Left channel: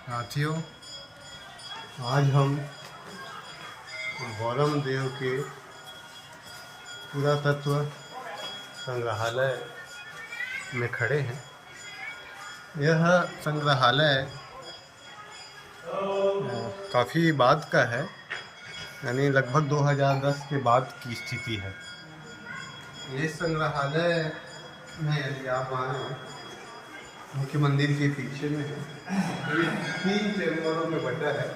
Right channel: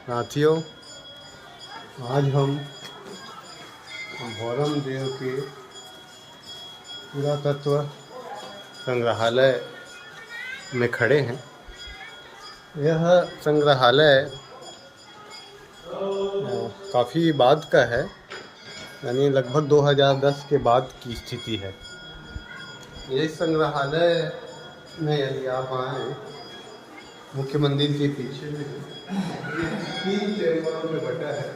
साथियों, आज हम भौरम देव के पुरातत्व संग्रहालय में खड़े हैं। यह संग्रहालय काफ़ी बाद का है, यानी लगभग 2010 के बाद की स्थिति है। ये संग्रहालय में यदि आप आएँ, मुख्य मंदिर के पीछे में ये 3 चैम्बरों में बटा है।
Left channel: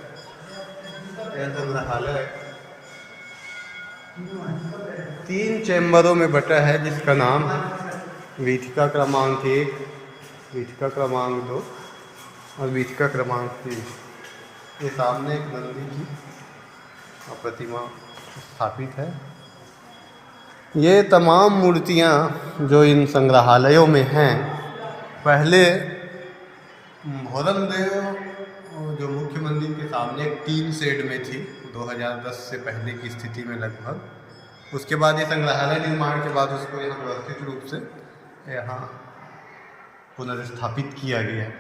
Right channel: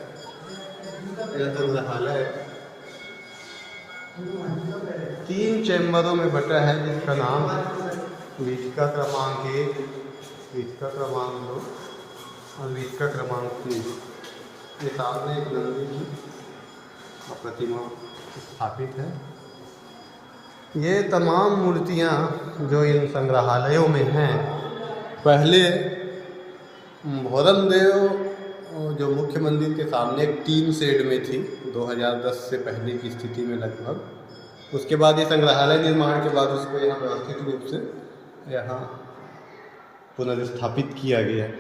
यह संग्रहालय 3 चैम्बरों में बटा है, जिसका नाम है वीथिका क्रमांक 1, वीथिका क्रमांक 2 और वीथिका क्रमांक 3। ये सामने एक नंदी की प्रतिमा स्थापित है। ये तमाम मूर्तियाँ जो इन संग्रहालयों में हैं, पहले भौरम देव जो मुख्य मंदिर के सामने एक टीन शेड में थी, 2010 से पहले की स्थिति में लगभग। उसके बाद ये संग्रहालय निर्माण के बाद उसको यहाँ व्यवस्थित रूप से यहाँ पुनर्स्थापित किया गया है।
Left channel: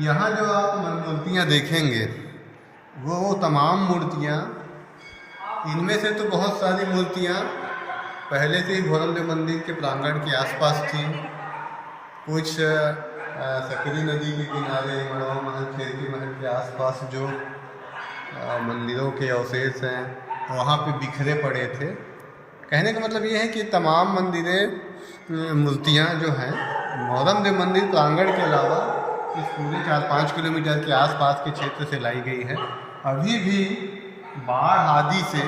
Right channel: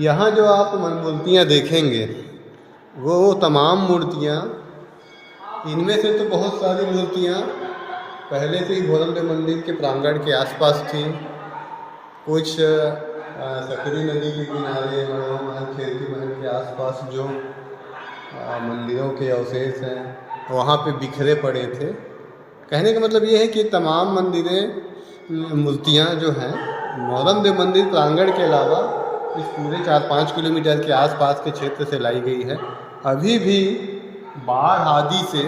यहाँ जो आप मूर्तियाँ देखेंगे वो तमाम मूर्तियाँ, इनमें से तो बहुत सारी मूर्तियाँ पहले से ही भौरम देव मंदिर के प्रांगण के आसपास थी। कुछ सकरी नदी के किनारे, मड़वा महल, खेरकी महल के आसपास जो मंदिरों के अवशेष हैं, वहाँ पे बिखरे पड़े थे। कहने का मतलब ये है कि तमाम मंदिरें, मूर्तियाँ जो हैं, भौरम देव मंदिर प्रांगण के अलावा इस पूरे 4-5 किलोमीटर के आसपास के क्षेत्र से लाई गई है। अभी भी बाढ़ आदि से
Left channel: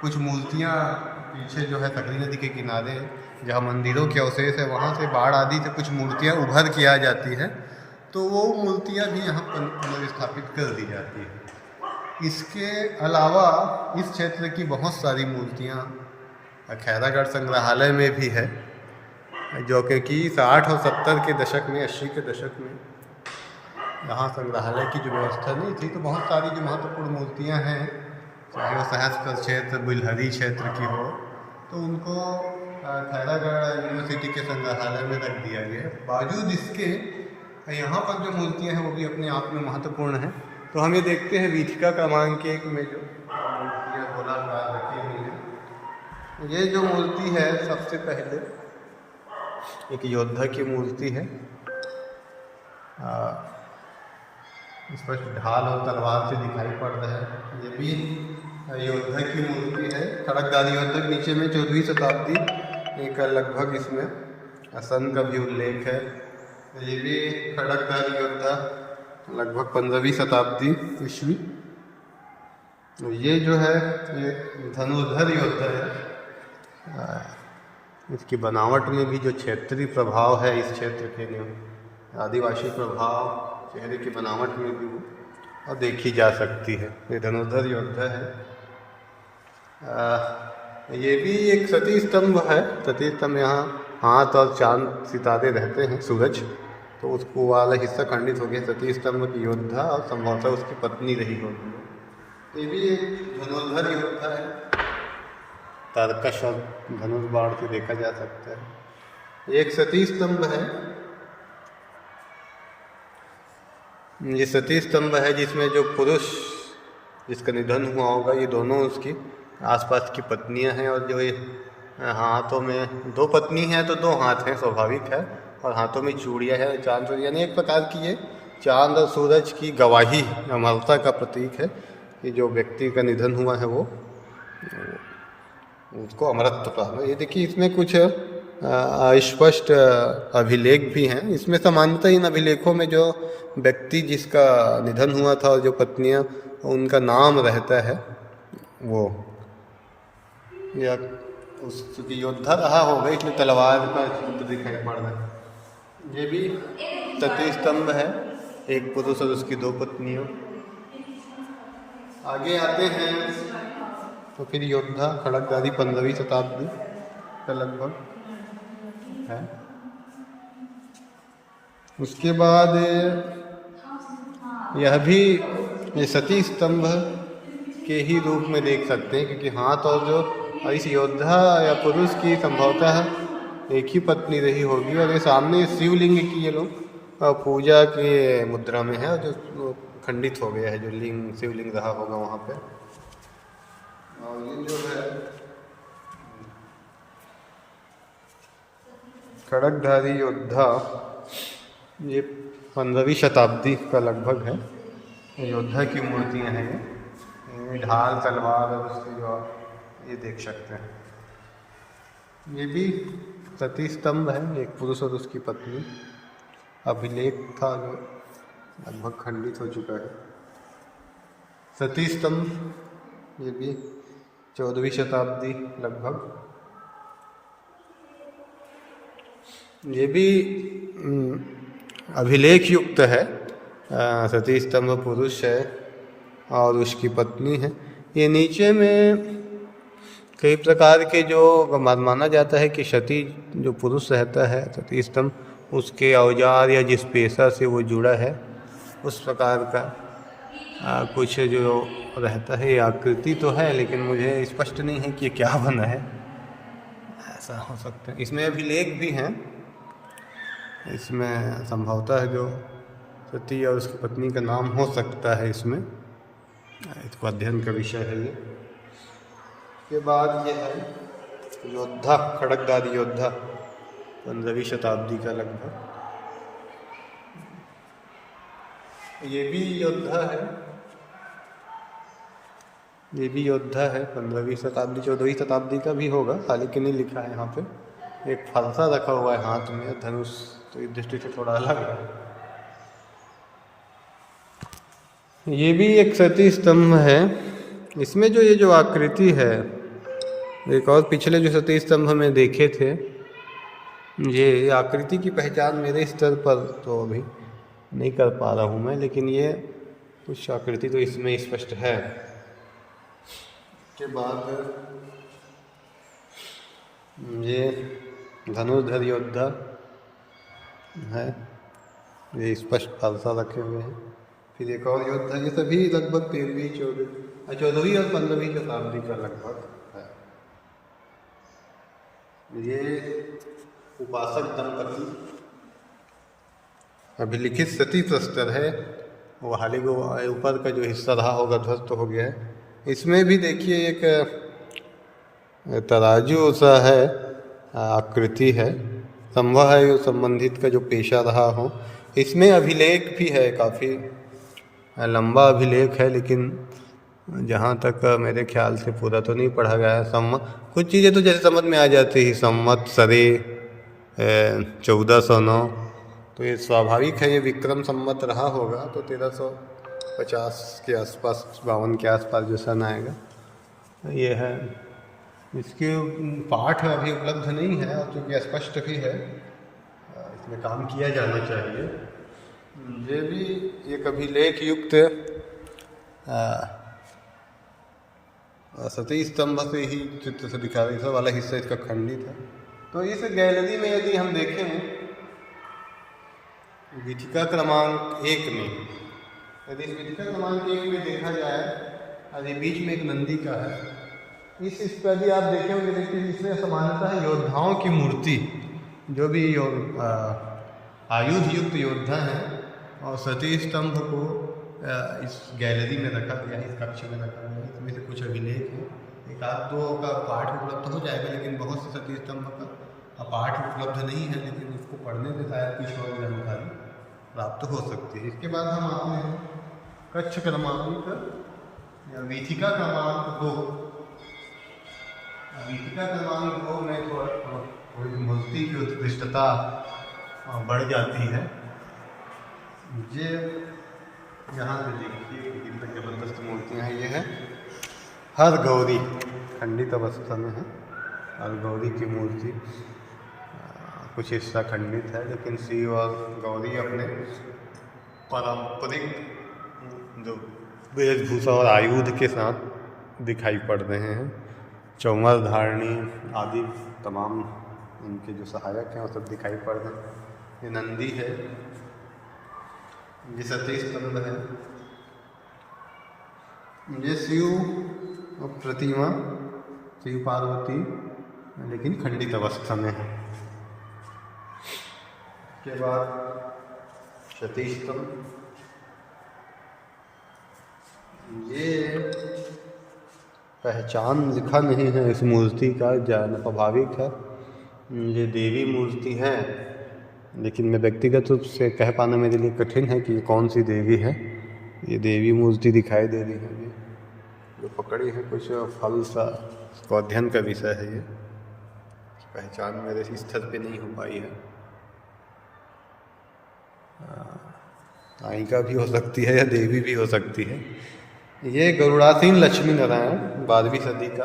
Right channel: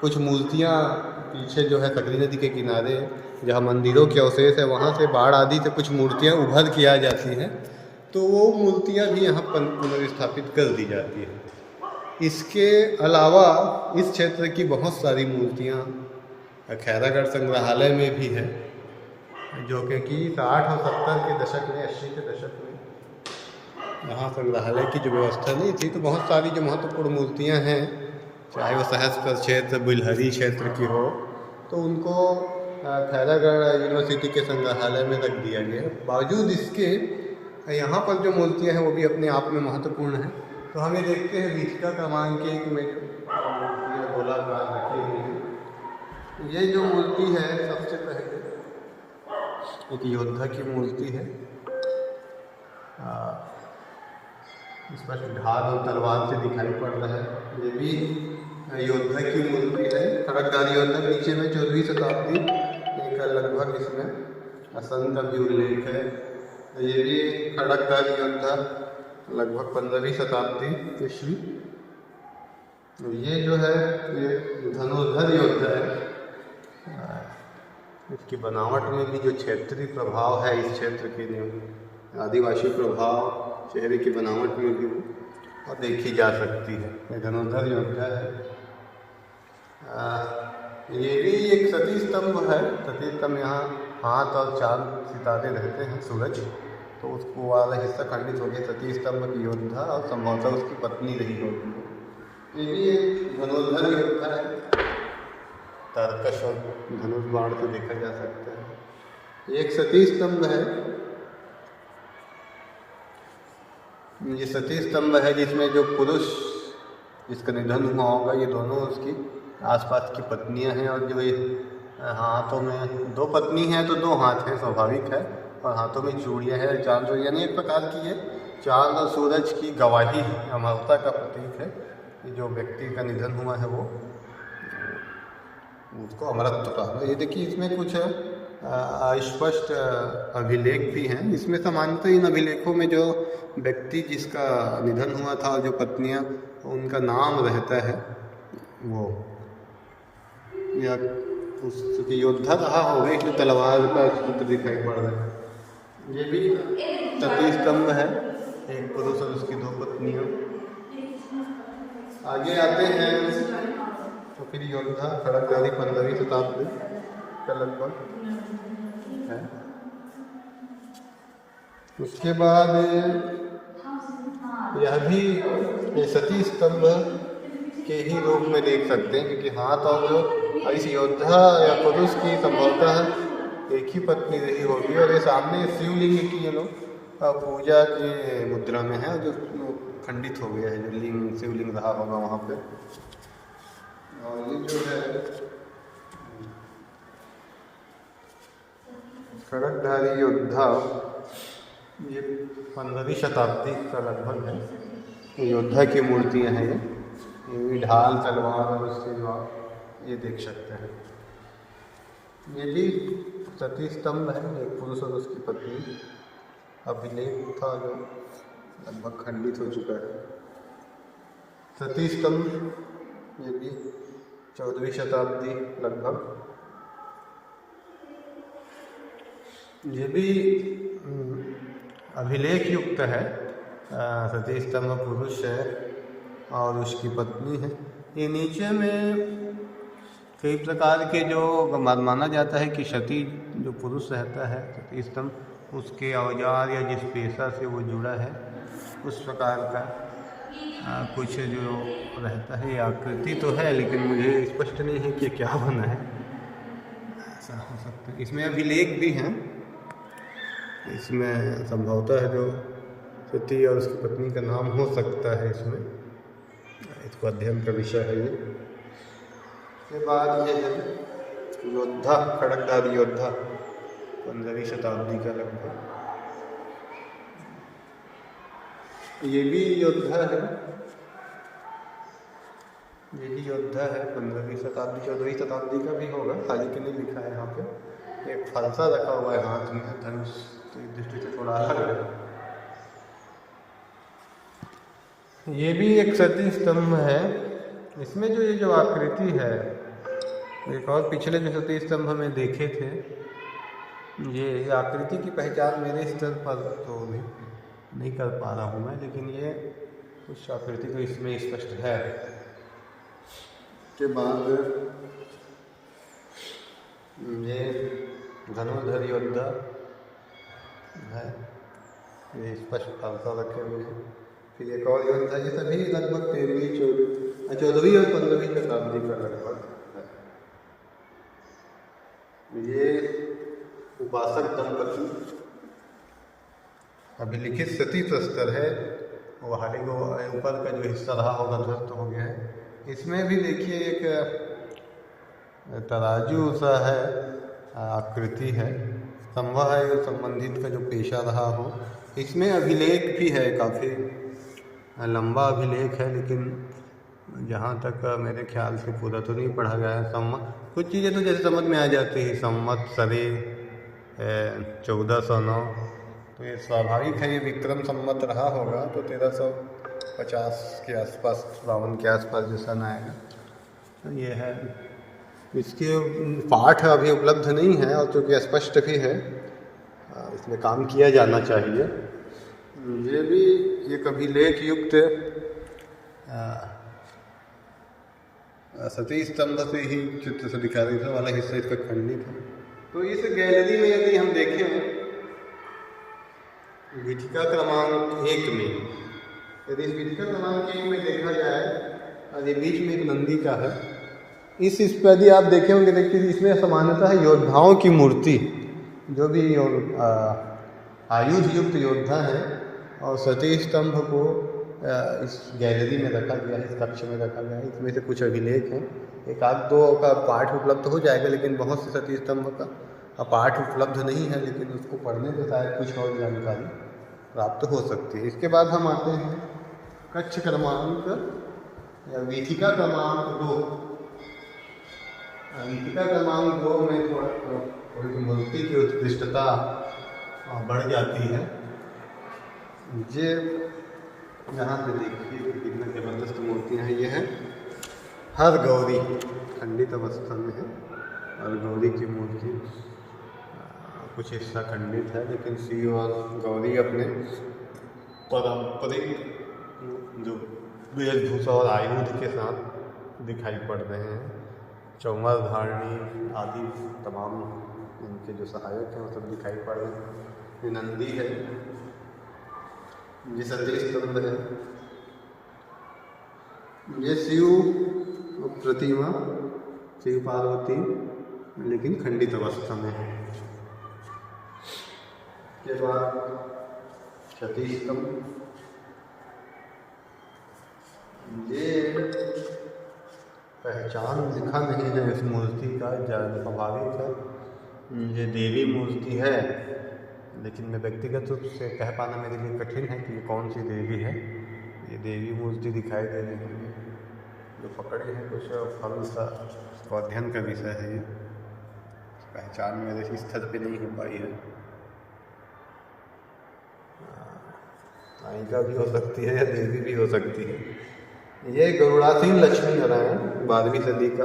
कुछ मूर्तियाँ पीछे जो है सकरी नदी के किनारे जहाँ मंदिरों के अवशेष है, वहाँ से बाढ़ आदि से कुछ मूर्तियाँ उभर के आ जाती हैं, तो वो मूर्तियाँ भी यहाँ पुनर्स्थापित कर दी जाती हैं। इसके अलावा इस क्षेत्र की बहुत सारी मूर्तियाँ खैरागढ़ संग्रहालय में भी है, जो कि 60 और 70 के दशक में, 80 के दशक में यहाँ संग्रहालय की जो व्यवस्था नहीं थी, तो बहुत सारी जो महत्वपूर्ण मूर्तियाँ हैं, चाहे वो सहस्त्र क्षेत्र, बिलहरी क्षेत्र की हो, तो उनको खैरागढ़ यूनिवर्सिटी के संग्रहालय में रख दिया गया है। बावजूद इसके यहाँ पर जो मूर्तियाँ हैं वो भी अपने आप में महत्वपूर्ण हैं। तो हम ये देखते हैं वीथिका क्रमांक 1 में जो मूर्तियाँ गोलाकार रखी हुई हैं। ये जो मूर्ति है, सबसे पहले एक योद्धा की मूर्ति है। स्पष्ट ढाल और तलवार से दिखाई पड़ रहा है। ये भी योद्धा की मूर्ति है, खड़गधारी योद्धा। नीचे में 14वीं शताब्दी एक लगभग इसमें सन का भी उल्लेख है। ये भी खड़गधारी योद्धा लगभग 15वीं शताब्दी ईस्वी। ये जो है ये धनुर्धर योद्धा है। इसकी बनावट में भी जो क्षेत्रीय प्रभाव है, इस क्षेत्र के आदिवासी प्रभाव चेहरे की बनावट में भी और देखी जा सकती है। ये धनुर्धर योद्धा है। ये भी एक सती स्तंभ है। सती स्तंभ, यहाँ हाथ और चांद सितारे रहते हैं, सूरज, तो उसको वाला हिस्सा खंडित हो गया। सती स्तंभ की योद्धा और संभवतः उसकी पत्नी रही होगी। ये भी एक धनुर्धर योद्धा है। तारकश और धनुष बाण से देखा जा सकता है। एक सती स्तंभ है। ये सती स्तंभ है जिसमें जो पुरुष जिसका निधन हुआ होगा, ये दोनों उसकी आसपास की पत्नियां हैं, और जो ये हाथों में 2 पत्नी हैं तो 2 हाथ हैं, स्वाभाविक है, और हाथों में चूड़ियाँ हैं, चांद, यानी एक प्रकार की ये चांद और सूरज की गवाही, अमरता का प्रतीक है कि जो व्यक्ति का निधन हुआ है वो उसको अमरत्व प्राप्त। ये देखिए, इसमें कुछ स्पष्ट अभिलेख भी हैं। इसमें समानता इन अभिलेखों में जो व्यक्ति जिसका निधन हुआ था और जो पत्नियां, उनका नाम रहता है, वो या उसकी योद्धा रहा होगा, इसमें तलवार का चित्र दिखाई पड़ रहा है। ये भी सती स्तंभ है, एक पुरुष और उसकी 2 पत्नियां। आगे आते हैं तो फिर योद्धा खड़गधारी 15वीं शताब्दी का लगभग है। उसके बाद यह भी ये सती स्तंभ के ही रूप में देख सकते हैं, क्योंकि हाथ और जो इस योद्धा या पुरुष की संभवतः एक ही पत्नी रही होगी। और ये सामने शिवलिंग की ये लोग पूजा के मुद्रा में है, और जो खंडित हो गया है, जो लिंग शिवलिंग रहा होगा वहाँ पे। और ये जो है खड़गधारी योद्धा, ये 15वीं शताब्दी का लगभग है। योद्धा की मूर्तियाँ हैं ये ढाल तलवार और उसके जो ये देख सकते हैं। ये भी सती स्तंभ है, एक पुरुष और उसकी पत्नी अभिलेख था जो लगभग खंडित हो चुका है। सती स्तंभ ये भी 14वीं शताब्दी लगभग। ये भी अभिलेख युक्त है। सती स्तंभ पुरुष है और उसकी पत्नी है। ये नीचे में कई प्रकार के जो माना जाता है कि सती जो पुरुष रहता है सती स्तंभ उसके औजार या जिस पेशा से वो जुड़ा है उस प्रकार का कुछ जो रहता है। आकृति तो है लेकिन मुझे स्पष्ट नहीं है कि ये क्या बना है, ऐसा हो सकता है। इसमें अभिलेख भी हैं, इसमें संभवतः जो सती और उसकी पत्नी का नाम हो सकता है इसमें, इसको अध्ययन का विषय है ये। के बाद ये है योद्धा, खड़गधारी योद्धा 15वीं शताब्दी का लगभग। ये भी योद्धा है, ये भी योद्धा है 15वीं शताब्दी 14वीं शताब्दी का भी होगा, हालांकि नहीं लिखा है यहाँ पे। एक फलसा रखा हुआ है हाथ में, धनुष, तो इस दृष्टि से थोड़ा अलग है। ये भी एक सती स्तंभ है। इसमें जो ये जो आकृति है, एक और पिछले जो सती स्तंभ में देखे थे, ये आकृति की पहचान मेरे स्तर पर तो अभी नहीं कर पा रहा हूँ मैं, लेकिन ये कुछ आकृति तो इसमें स्पष्ट है। के बाद ये धनुर्धर योद्धा है, ये स्पष्ट फालसा रखे हुए हैं। फिर एक और योद्धा, ये सभी लगभग 13वीं 14वीं और 15वीं शताब्दी का लगभग है। ये उपासक दंपति अभिलिखित सती प्रस्तर है, वो हाल ही ऊपर का जो हिस्सा रहा होगा ध्वस्त हो गया है। इसमें भी देखिए एक तराजू सा है, आकृति है, संभव है संबंधित का जो पेशा रहा हो। इसमें अभिलेख भी है, काफ़ी लंबा अभिलेख है, लेकिन जहाँ तक मेरे ख्याल से पूरा तो नहीं पढ़ा गया है। कुछ चीज़ें तो जैसे समझ में आ जाती ही, संवत सरे 1409, तो ये स्वाभाविक है, ये विक्रम संवत रहा होगा, तो 1350 के आसपास, 52 के आसपास जो सन आएगा ये है। इसके पाठ अभी उपलब्ध नहीं है, और चूँकि स्पष्ट भी है, इसमें काम किया जाना चाहिए। ये भी एक अभिलेख युक्त सती स्तंभ से ही चित्र से दिखा रही था, वाला हिस्सा इसका खंडित है। तो इस गैलरी में यदि हम देखें वीथिका क्रमांक 1 में, यदि इस वीथिका क्रमांक 1 में देखा जाए, और ये बीच में एक नंदी का है, इस पर यदि आप देखे होंगे, देखिए इसमें समानता है योद्धाओं की मूर्ति, जो भी आयुध युक्त योद्धा हैं, और सती स्तंभ को इस गैलरी में रखा गया है, इस कक्ष में रखा गया है। इसमें से कुछ अभिलेख हैं, एक आध दो का पाठ उपलब्ध हो जाएगा, लेकिन बहुत से सती स्तंभ का पाठ उपलब्ध नहीं है, लेकिन उसको पढ़ने से शायद कुछ और जानकारी प्राप्त हो सकती है। इसके बाद हम आते हैं कक्ष क्रमांक या वीथिका क्रमांक 2। वीथिका क्रमांक 2 में थोड़ी मूर्ति की उत्कृष्टता बढ़ जाती है। ये यहाँ पे देखिए कितना जबरदस्त मूर्तियाँ हैं। ये है हर गौरी, खंडित अवस्था में है हर गौरी की मूर्ति, कुछ हिस्सा खंडित है, लेकिन शिव और गौरी अपने पारंपरिक जो वेशभूषा और आयुध के साथ दिखाई पड़ रहे हैं। चौमर धारणी आदि तमाम इनके जो सहायक हैं वो सब दिखाई पड़ रहे हैं। ये नंदी है, ये सती स्तंभ है, ये शिव प्रतिमा, शिव पार्वती, लेकिन खंडित अवस्था में है। के बाद सती स्तंभ। ये पहचान लिखा नहीं है इस मूर्ति का, स्वाभाविक है ये देवी मूर्ति है, लेकिन मैं व्यक्तिगत रूप से कह पाना मेरे लिए कठिन है कि कौन सी देवी है। ये देवी मूर्ति दिखाई दे रही है, जो पकड़ी है कुछ फल सा, इसको अध्ययन का विषय है। ये पहचान मेरे स्तर पे नहीं हो पाई है। नायिका भी हो सकती है या देवी भी हो सकती है। ये गरुड़ासीन लक्ष्मी नारायण 12वीं सदी का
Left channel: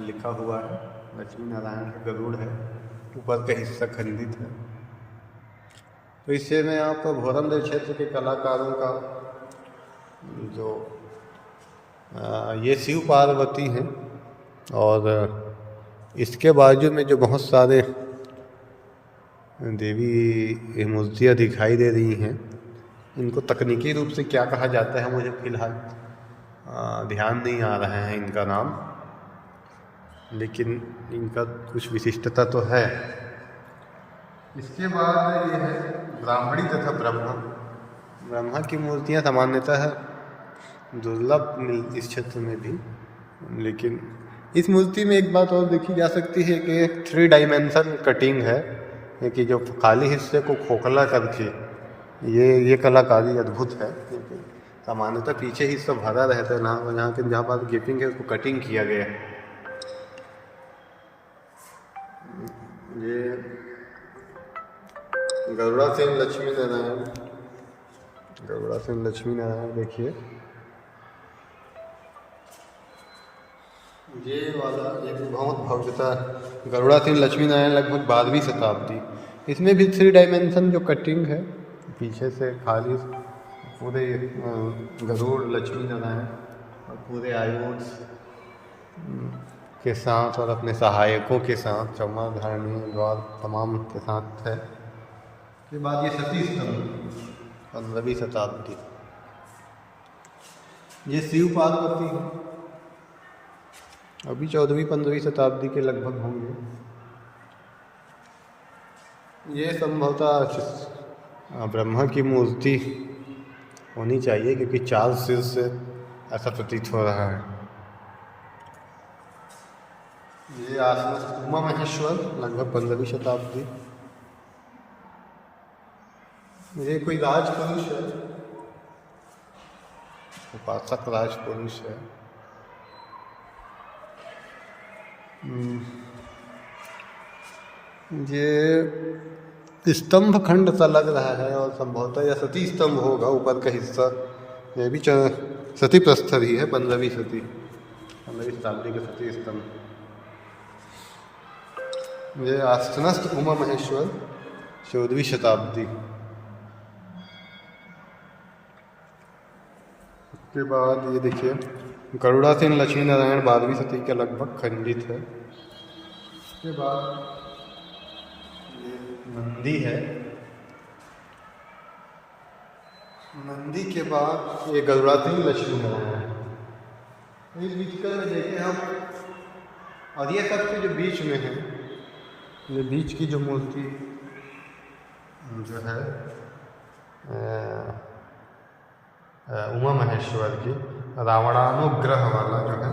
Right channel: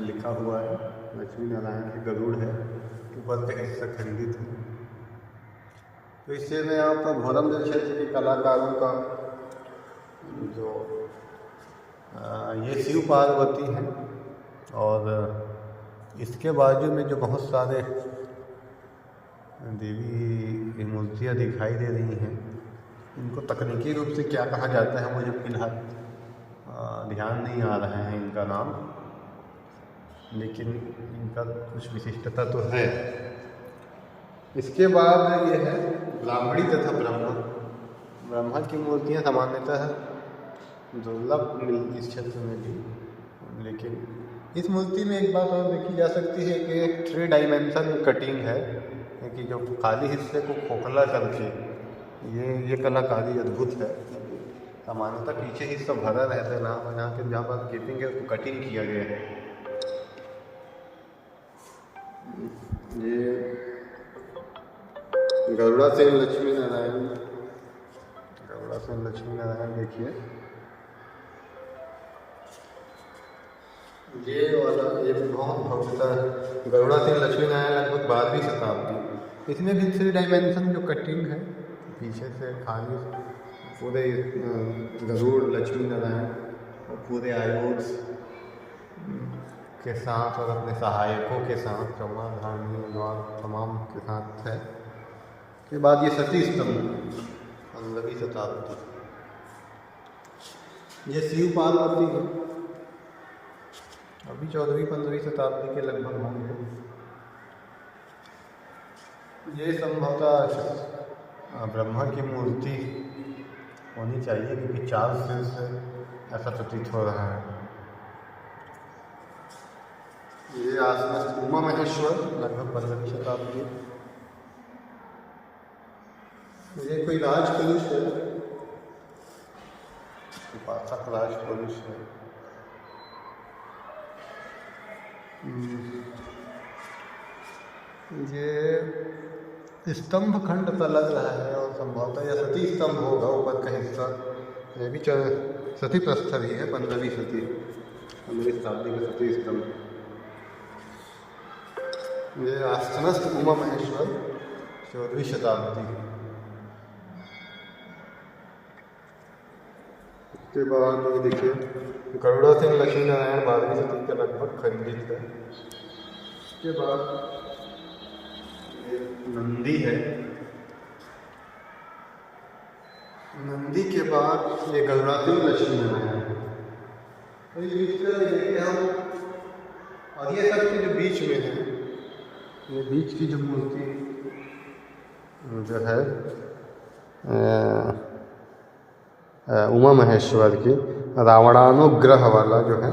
लिखा हुआ है। लक्ष्मी नारायण का गरुड़ है, ऊपर का हिस्सा खंडित है। तो इससे में आपका भोरमदेव क्षेत्र के कलाकारों का जो ये शिव पार्वती हैं, और इसके बाजू में जो बहुत सारे देवी मूर्तियाँ दिखाई दे रही हैं, इनको तकनीकी रूप से क्या कहा जाता है मुझे फिलहाल ध्यान नहीं आ रहा है इनका नाम, लेकिन इनका कुछ विशिष्टता तो है। इसके बाद ये है ब्राह्मणी तथा ब्रह्मा की मूर्तियाँ सामान्यतः दुर्लभ मिल इस क्षेत्र में भी, लेकिन इस मूर्ति में एक बात और देखी जा सकती है कि एक 3 डायमेंशन कटिंग है, कि जो खाली हिस्से को खोखला करके ये कलाकारी अद्भुत है। सामान्यतः पीछे हिस्सा भरा रहता है, जहाँ पर गैपिंग है उसको कटिंग किया गया है। ये गरुड़ासीन लक्ष्मी नारायण देखिए, ये वाला एक बहुत भव्यता गरुड़ासीन लक्ष्मी नारायण लगभग 12वीं शताब्दी। इसमें भी 3 डायमेंशन जो कटिंग है, पीछे से खाली पूरे गरुड़ लक्ष्मी नारायण और पूरे आयुध के साथ और अपने सहायकों के साथ, चौमा धारणी द्वार तमाम के साथ है। के बाद ये सती स्तंभ 15वीं शताब्दी, ये शिव पार्वती है, अभी 14वीं-15वीं शताब्दी के लगभग होंगे। ये संभवतः ब्रह्मा की मूर्ति होनी चाहिए, क्योंकि 4 सिर से ऐसा प्रतीत हो रहा है। ये आसपास उमा महेश्वर लगभग 15वीं शताब्दी। ये कोई राजपुरुष है, उपासक राजपुरुष है। ये स्तंभ खंड सा लग रहा है, और संभवतः यह सती स्तंभ होगा ऊपर का हिस्सा। ये भी सती प्रस्तर ही है, 15वीं शताब्दी का सती स्तंभ। ये आस्थनस्थ उमा महेश्वर 14वीं शताब्दी। उसके बाद ये देखिए गरुड़ासीन लक्ष्मी नारायण 12वीं सदी के लगभग खंडित है। उसके बाद ये नंदी है। नंदी के बाद ये गरुड़ासीन लक्ष्मी नारायण है। इस बीच का देखिए हम, और ये सबसे जो बीच में है, ये बीच की जो मूर्ति जो है उमा महेश्वर की रावणानुग्रह वाला जो है,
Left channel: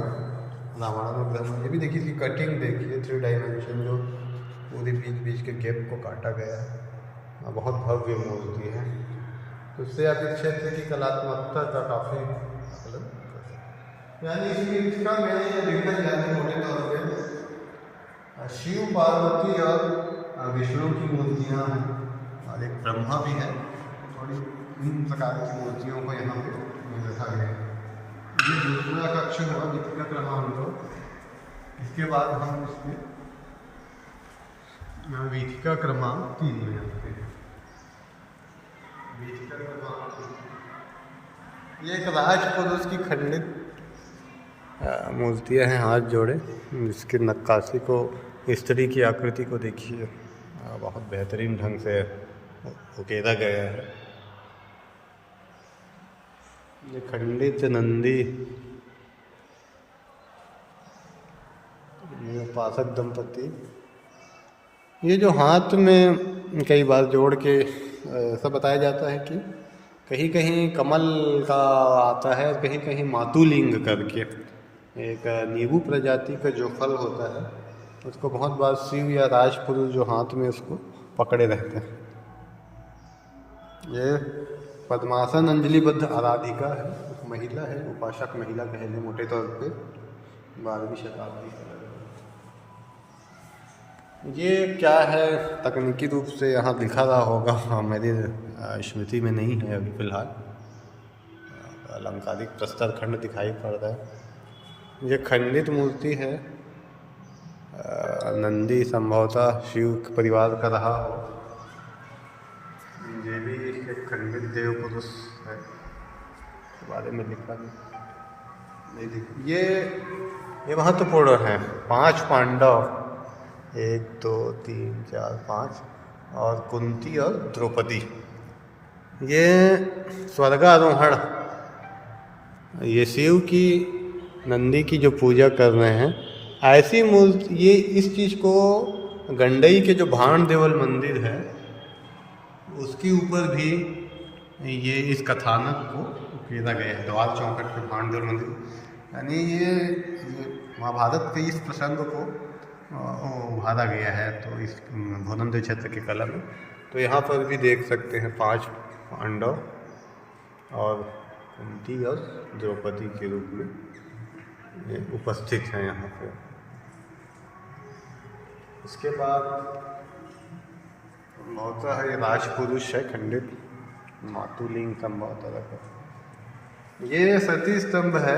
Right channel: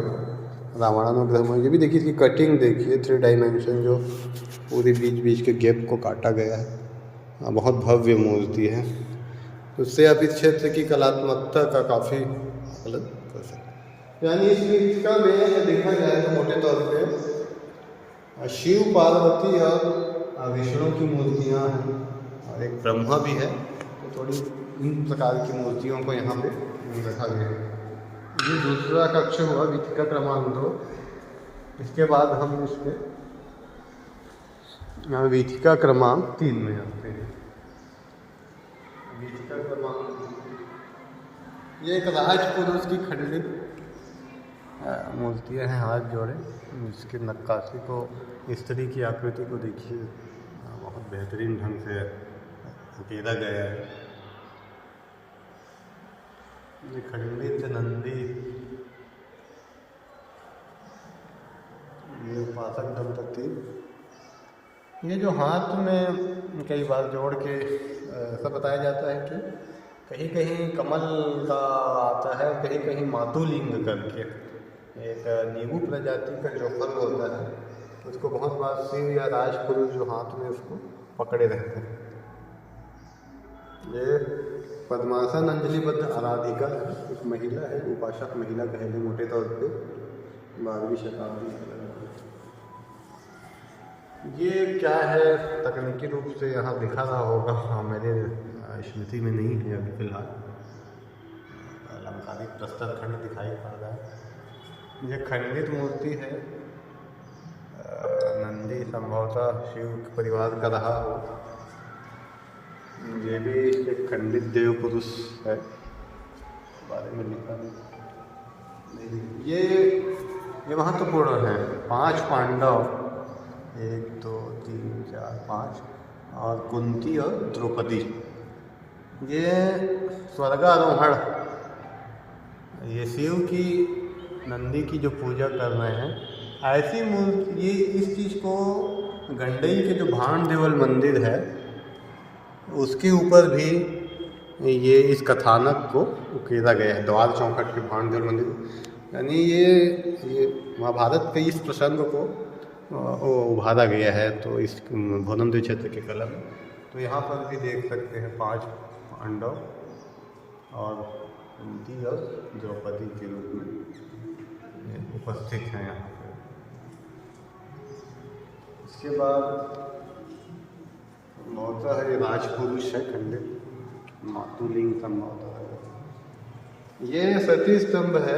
रावणानुग्रह मूर्ति भी देखिए, इसकी कटिंग देखिए, 3 डायमेंशन जो पूरे बीच के गैप को काटा गया है। बहुत भव्य मूर्ति है। तो उससे आप इस क्षेत्र की कलात्मकता का काफ़ी अलग कर सकते, यानी इसका में ये देखा जाए तो मोटे तौर पे शिव पार्वती और विष्णु की मूर्तियाँ हैं, और एक ब्रह्मा भी है। तो थोड़ी इन प्रकार की मूर्तियों को यहाँ पे रखा गया है। ये दूसरा कक्ष हुआ वीथिका क्रमांक 2। इसके बाद हम इसमें वीथिका क्रमांक 3 में रखते हैं। वीथिका क्रमांक 3 ये एक राजपुरुष की खंडित मूर्तियाँ हैं, हाथ जोड़े, जिसकी नक्काशी को, स्त्री की आकृति को देखिए, बहुत बेहतरीन ढंग से उकेरा गया है। ये खंडित नंदी, ये उपासक दंपति, ये जो हाथ में कई बार जोड़ के ऐसा बताया जाता है कि कहीं कहीं कमल का आता है, कहीं कहीं मातुलिंग करके एक नींबू प्रजाति का जो फल होता है उसको बहुत बार शिव या राजपुरुष जो हाथ में उसको पकड़े रहते हैं। ये पद्मासन अंजलिबद्ध आराधिका है, एक महिला है, उपासक महिला कह लें मोटे तौर पे, 12वीं शताब्दी। ये क्या है तकनीकी रूप से यहाँ दिखा रहा होगा, हाँ मेरी स्मृति में नहीं है अभी फ़िलहाल। अलंकारिक प्रस्तर खंड दिखाई पड़ रहा है। ये खंडित मूर्ति है, नंदी संभवतः शिव परिवार का रहा हो। ये भी एक खंडित देव पुरुष है, बारे में लिखा नहीं। ये महत्वपूर्ण है। 5 पांडव, 1 2 3 4 5 और कुंती और द्रौपदी, ये स्वर्गारोहण, ये शिव की नंदी की जो पूजा कर रहे हैं, ऐसी मूर्ति। ये इस चीज़ को गंडई के जो भाण देवल मंदिर है उसके ऊपर भी ये इस कथानक को उकेरा गया है, द्वार चौखट के भाण देवल मंदिर, यानी ये महाभारत के इस प्रसंग को उभारा गया है। तो इस भोनमदेव क्षेत्र के कला में तो यहाँ पर भी देख सकते हैं 5 पांडव और कुंती और द्रौपदी के रूप में ये उपस्थित हैं यहाँ पे। इसके बाद बहुत है राजपुरुष है खंडित, मातुलिंग संभवतः ये सती स्तंभ है।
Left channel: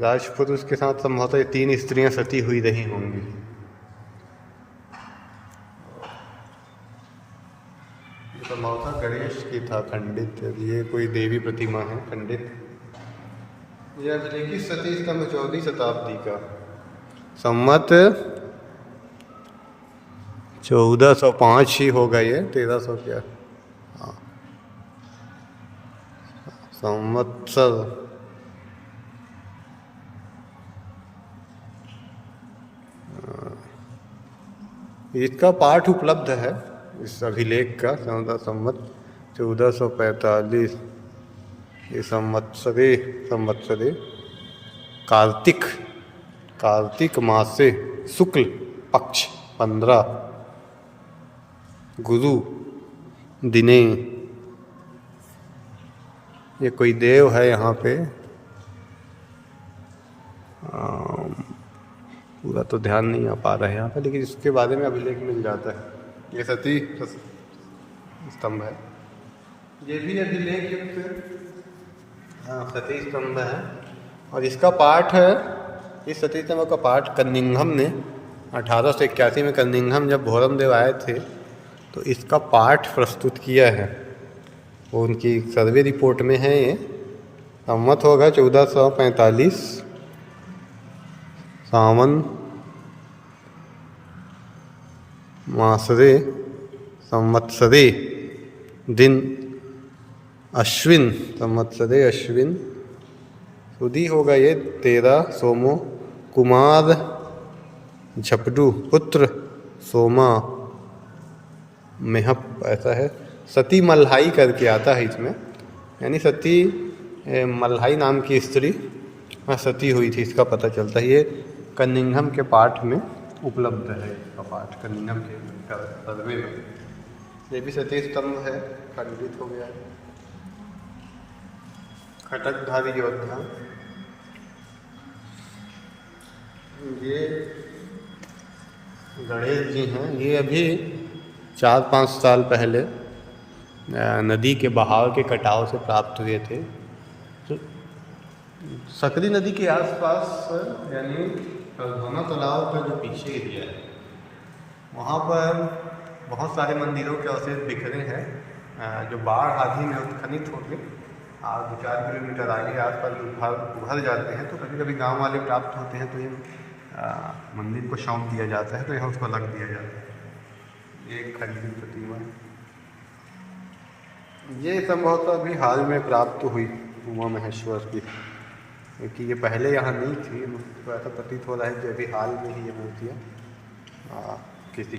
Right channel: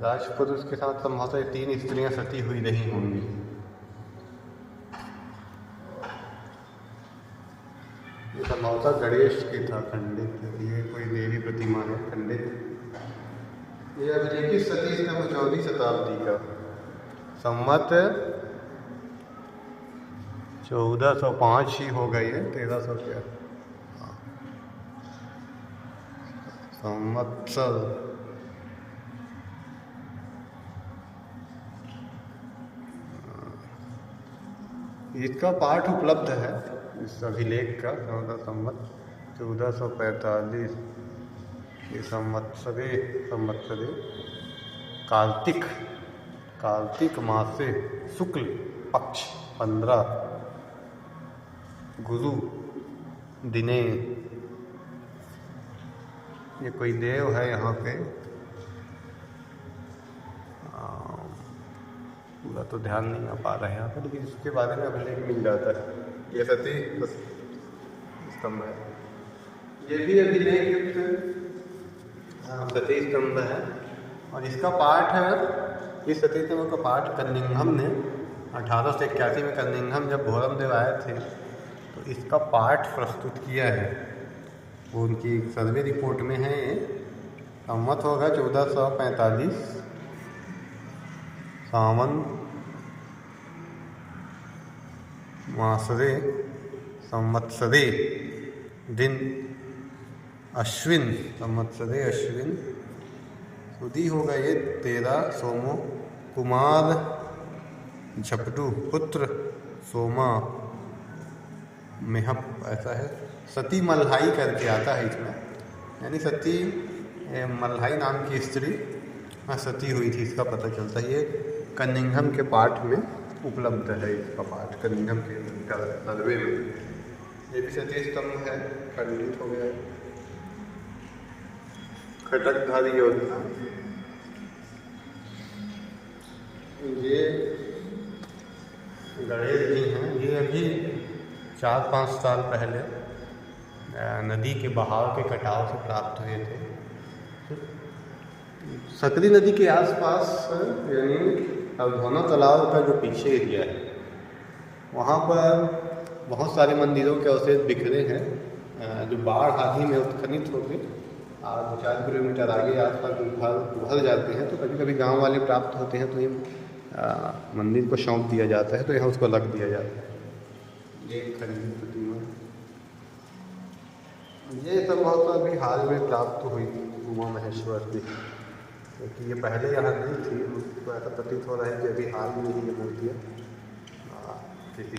राजपुरुष के साथ संभवतः 3 स्त्रियां सती हुई रही होंगी। ये संभवतः गणेश की था खंडित, ये कोई देवी प्रतिमा है खंडित। ये अभिलेखित सती स्तंभ 14वीं शताब्दी का, संवत 1405 ही होगा, ये 1300 क्या संवत्सर। इसका पाठ उपलब्ध है इस अभिलेख का, संवत 1445। ये संवत्सरे कार्तिक मासे शुक्ल पक्ष 15 गुरु दिने। ये कोई देव है यहाँ पे, पूरा तो ध्यान नहीं आ पा रहा है यहाँ पर, लेकिन इसके बारे में अभिलेख मिल जाता है। ये सती स्तंभ है, ये भी अभिलेख सती स्तंभ है। और इसका पाठ है, इस सती स्तंभ का पाठ कनिंघम ने 1881 में कनिंघम जब भोरमदेव आए थे तो इसका पाठ प्रस्तुत किया है। वो उनकी सर्वे रिपोर्ट में है। ये संवत होगा 1445 सावन मासरे संवत्सरे दिन अश्विन, संवत्सरे अश्विन सुदी होगा। ये 13 सोमो कुमार झपडू पुत्र सोमा मेहप, ऐसा है। सती मल्हाई करके आता है इसमें, यानी सती मल्हाई नाम की स्त्री सती हुई थी, इसका पता चलता है। ये कनिंघम के पाठ में उपलब्ध है, इसका पाठ कनिंघम के सर्वे में। ये भी सती स्तंभ है, खंडित हो गया। खटकधारी योजना, ये गणेश जी हैं। ये अभी 4-5 साल पहले नदी के बहाव के कटाव से प्राप्त हुए थे। सकरी नदी के आसपास, यानी अवधौना तालाब का जो पीछे एरिया है, वहाँ पर बहुत सारे मंदिरों के अवशेष बिखरे हैं, जो बाढ़ आदि में उत्खनित होते 2-4 किलोमीटर आगे आसपास उभर जाते हैं। तो कभी कभी गांव वाले प्राप्त होते हैं तो ये मंदिर को सौंप दिया जाता है, तो यहाँ उसको रख दिया जाता है। ये खंडित प्रतिमा, ये संभवतः अभी हाल में प्राप्त हुई उमा महेश्वर की, क्योंकि ये पहले यहाँ नहीं थी। तो ऐसा प्रतीत हो रहा है कि अभी हाल में ही ये मूर्तियाँ किसी